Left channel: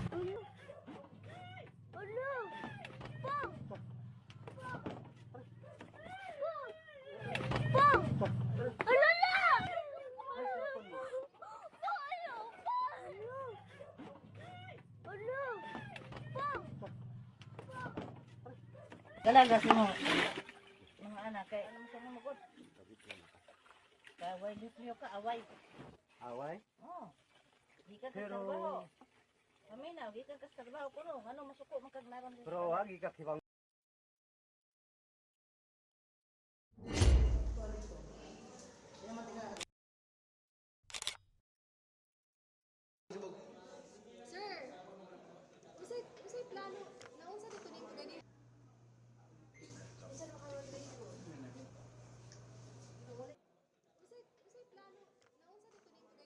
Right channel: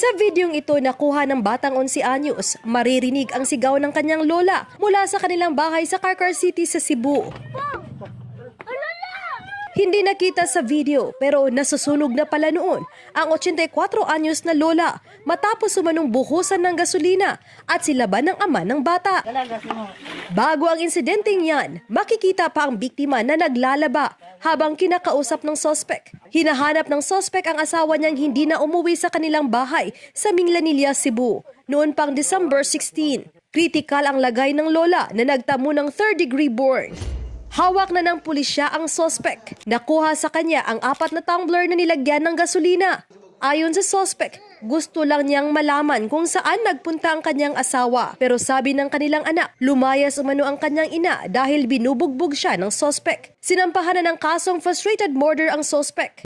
Sa videong ito nakuha ng batang 11 anyos, maririnig ang sigaw ng kanyang lola mula sa kanilang bahay sa Carcar City sa Cebu. Hindi nakita sa video pero nasusunog na pala noon ang 84 anyos na lola matapos umanong buhusan ng gasolina at silaban ng ama ng bata. Bago ang insidenteng yan, makikita pa ang biktima na naglalaba habang kinakausap ng sospek. Hinahanap ng sospek ang asawa niyang hindi na umuwi sa kanilang bahay sa Minglanilla, Cebu noon pang December 16. Kritikal ang lagay ng lola na nagtamo ng third-degree burn. Hawak na ng pulisya ang sospek. Nakuha sa kanya ang 4 na tumbler na nilagyan ng gasolina. Ayon sa sospek, gusto lang niyang malaman kung saan nagpunta ang kanyang asawa. Pero sabi ng kanilang anak, lumayas umano ang kanyang ina dahil binubugbog siya ng sospek. Sinampahan na ng kasong frustrated murder ang sospek.